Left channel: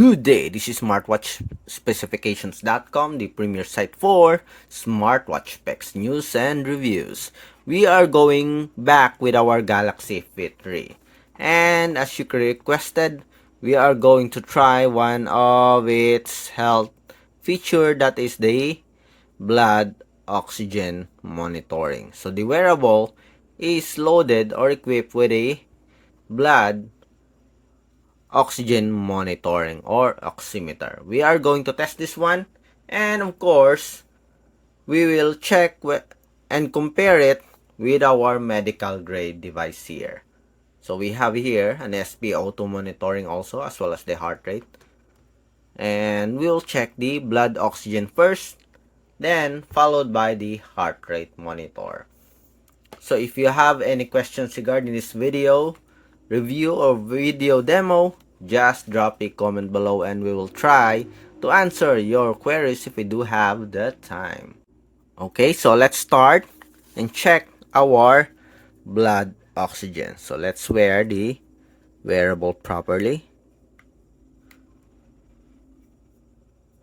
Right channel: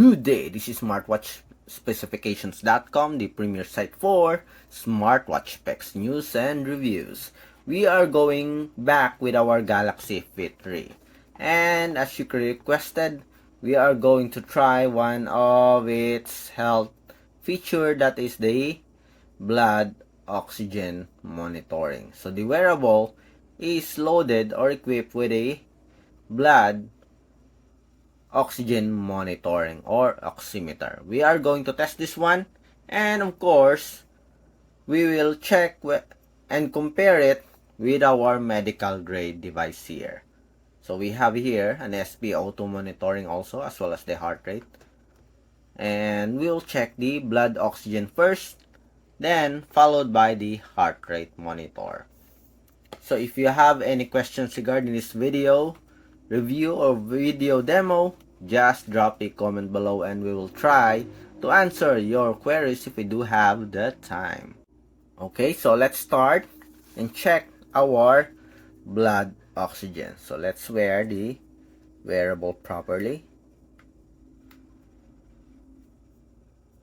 Good day, this is smartwatchspecifications.com, the premier site for smartwatch specs, news, and reviews. We are going back with our Galaxy Fit 3. And as you requested, we are going to try one of its health feature, that is the blood oxygen monitoring. So the wearable is loaded or equipped with a blood oxygen monitoring or oximeter. We are going to test this one, and of course we will check and compare it with our medical grade device here. So we have here an SpO2 monitoring also, as well as the heart rate, and we'll check the blood oxygen first, then followed by the heart rate monitor. So if you have any questions regarding this video review or video demo, just drop a comment below and we will try to answer your queries if we do have the time. Okay, so let's start and check our blood oxygen. So let's wear the wearable properly.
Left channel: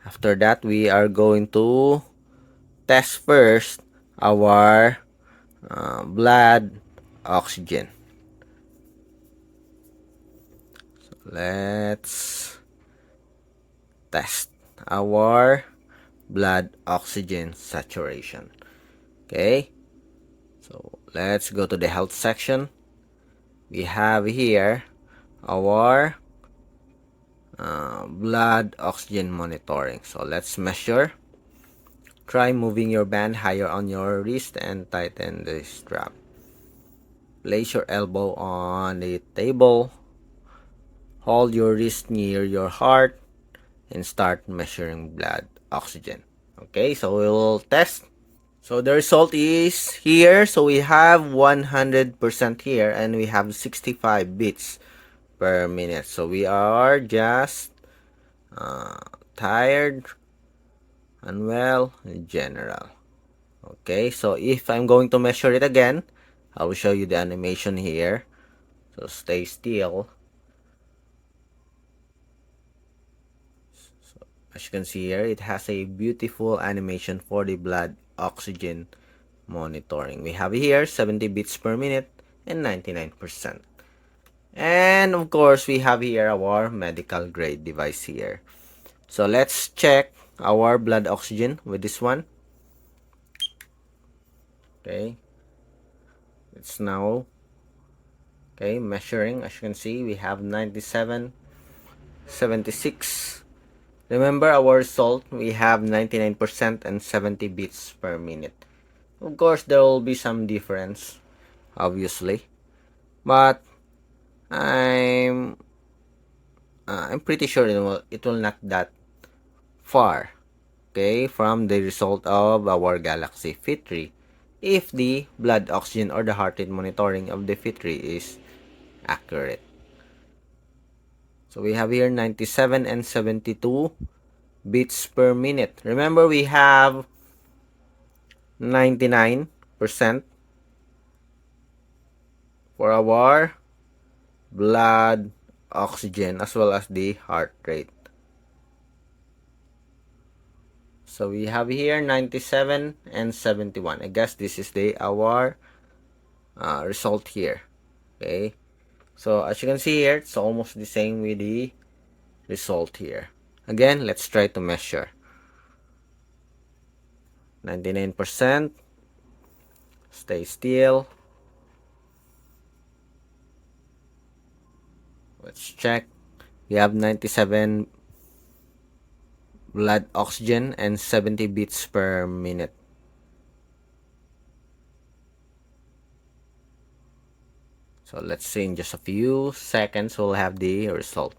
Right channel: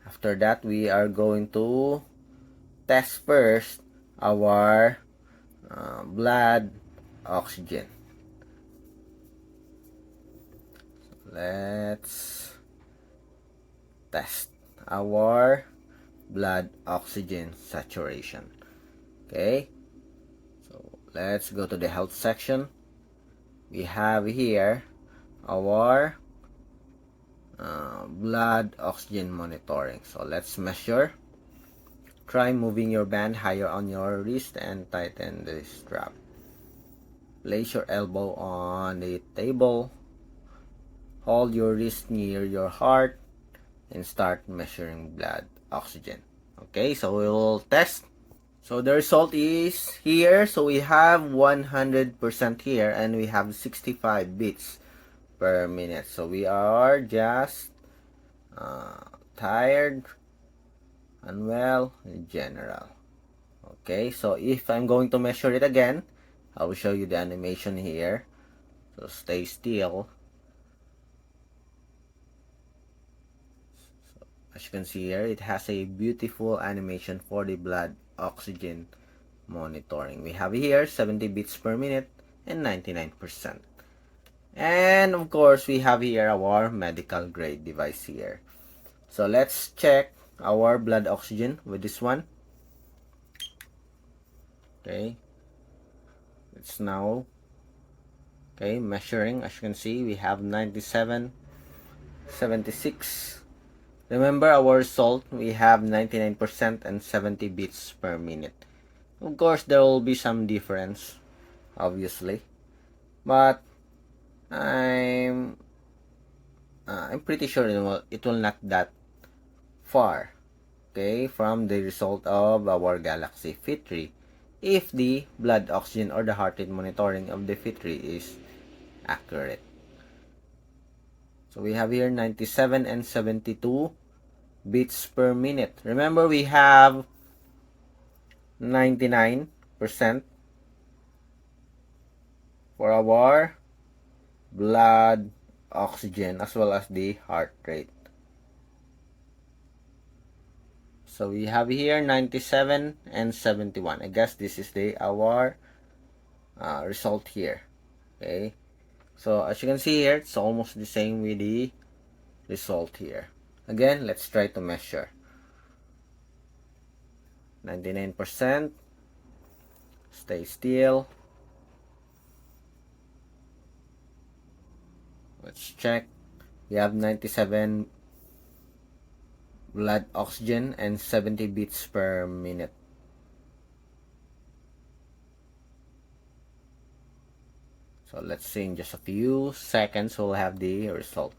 After that, we are going to test first our blood oxygen. Let's test our blood oxygen saturation. Okay, so let's go to the health section. We have here our blood oxygen monitoring. So let's measure. Try moving your band higher on your wrist and tighten the strap. Place your elbow on the table. Hold your wrist near your heart and start measuring blood oxygen. Okay, so we will test. So the result is here. So we have 100% here and we have 65 beats per minute. So we are just tired, unwell, in general. Okay, so if I'm going to measure it again, I will show you the animation here. So stay still. As you can see here, it has a beautiful animation for the blood oxygen monitoring. We have here 70 beats per minute and 99%. And of course, we have here our medical grade device here. So let's check our blood oxygen with this one. Okay, it's now measuring. As you can see, we have 97, 76. Remember our result, we have 99% and 70 beats per minute. Of course, there will be some difference, obviously, but I'm pretty sure it will not that far, okay, from the result of our Galaxy Fit 3 if the blood oxygen or the heart rate monitoring of the Fit 3 is accurate. So we have here 97 and 72 beats per minute. Remember, we have 99% for our blood oxygen as well as the heart rate. So we have here 97 and 71. I guess this is our result here. Okay, so as you can see here, it's almost the same with the result here. Again, let's try to measure. 99%. Stay still. Let's check. We have 97 blood oxygen and 70 beats per minute. So let's see, in just a few seconds we'll have the result.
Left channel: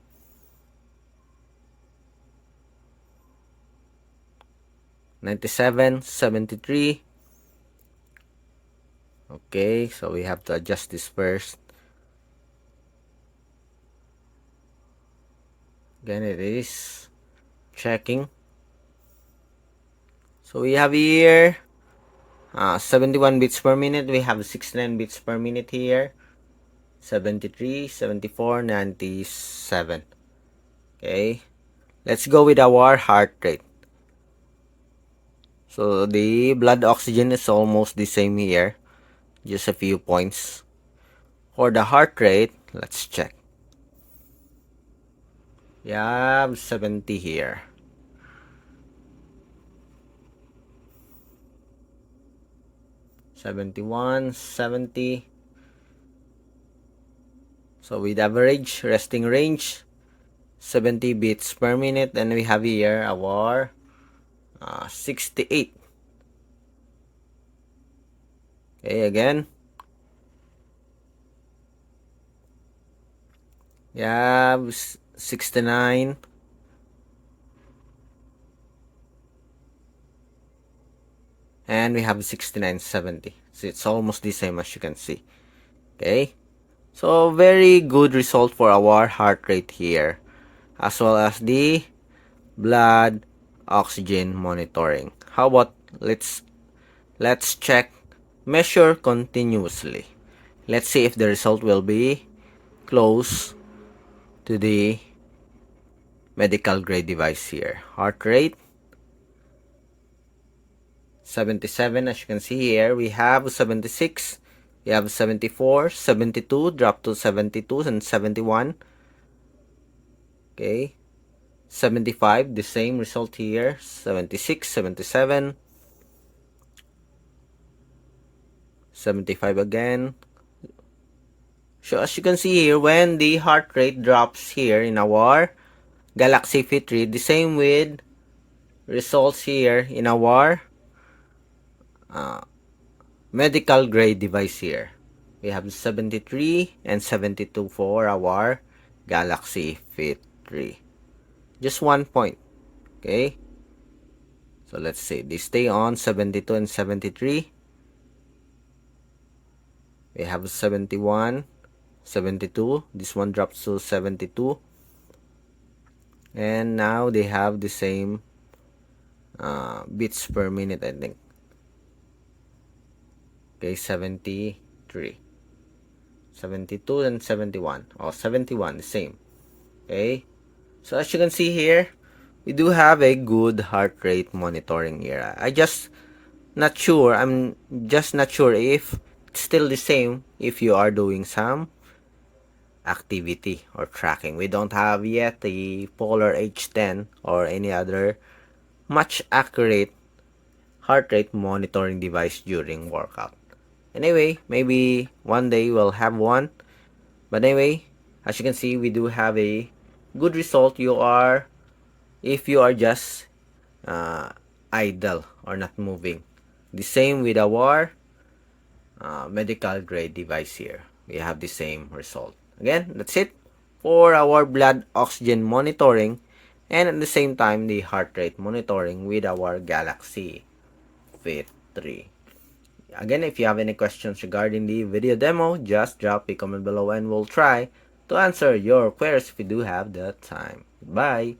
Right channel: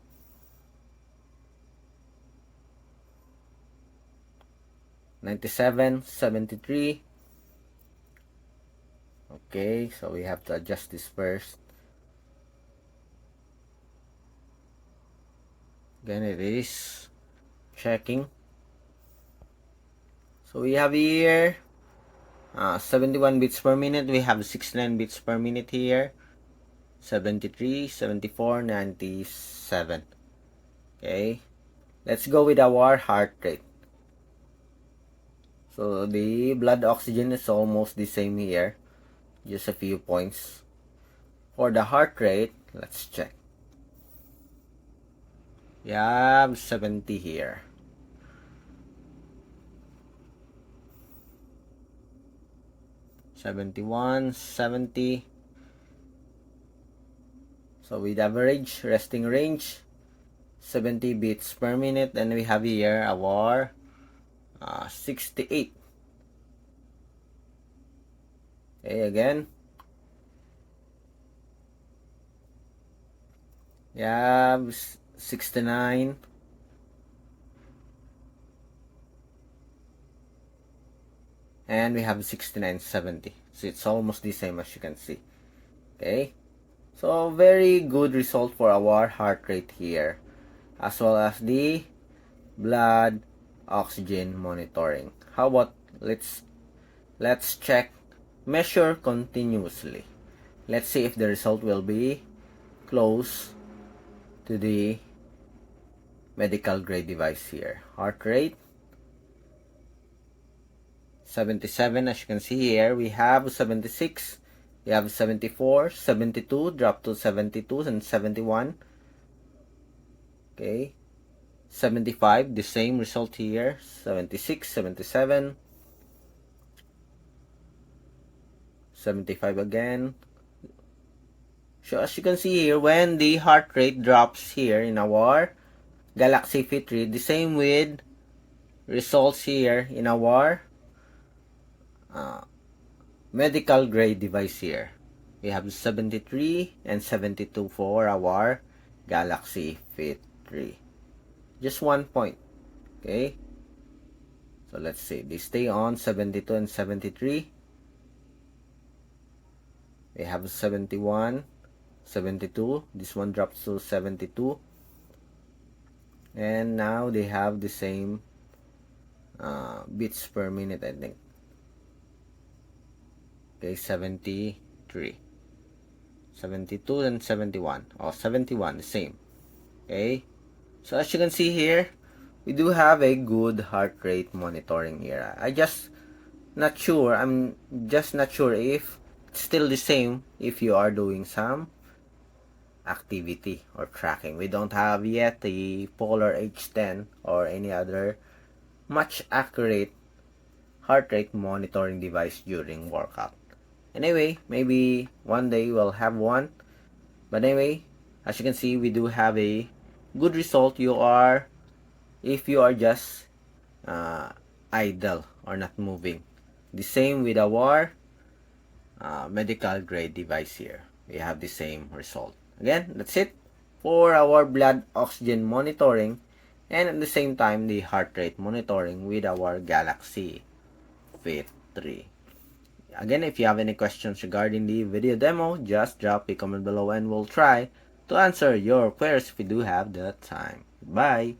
(97) 73. Okay, so we have to adjust this first. Again, it is checking. So we have here 71 beats per minute. We have 69 beats per minute here. 73, 74, 97. Okay, Let's go with our heart rate. So the blood oxygen is almost the same here, just a few points. For the heart rate, let's check. We have 70 here. 71, 70. So with average resting range, 70 beats per minute, and we have here our 68. Okay, again. We have 69. And we have 69.70. So it's almost the same as you can see. Okay. So very good result for our heart rate here, as well as the blood oxygen monitoring. How about let's check measure continuously. Let's see if the result will be close to the medical grade device here. Heart rate 77, as you can see here. We have 76, we have 74, 72, drop to 72 and 71. Okay, 75, the same result here. 76, 77, 75 again. So as you can see here, when the heart rate drops here in our Galaxy Fit 3, the same with results here in our medical grade device here. We have 73 and 72 for our Galaxy Fit 3. Just 1 point. Okay. So let's see. They stay on 72 and 73. We have 71, 72. This one drops to 72. And now they have the same beats per minute, I think. Okay, 73. 72 and 71. Oh, 71, the same. Okay. So as you can see here, we do have a good heart rate monitoring here. I'm just not sure if it's still the same if you are doing some activity or tracking. We don't have yet the Polar H10 or any other much accurate heart rate monitoring device during workout. Anyway, maybe one day we'll have one. But anyway, as you can see, we do have a good result. If you are just idle or not moving. The same with our medical grade device here. We have the same result. Again, that's it for our blood oxygen monitoring, and at the same time the heart rate monitoring with our Galaxy Fit 3. Again, if you have any questions regarding the video demo, just drop a comment below and we'll try to answer your queries if we do have the time. Bye!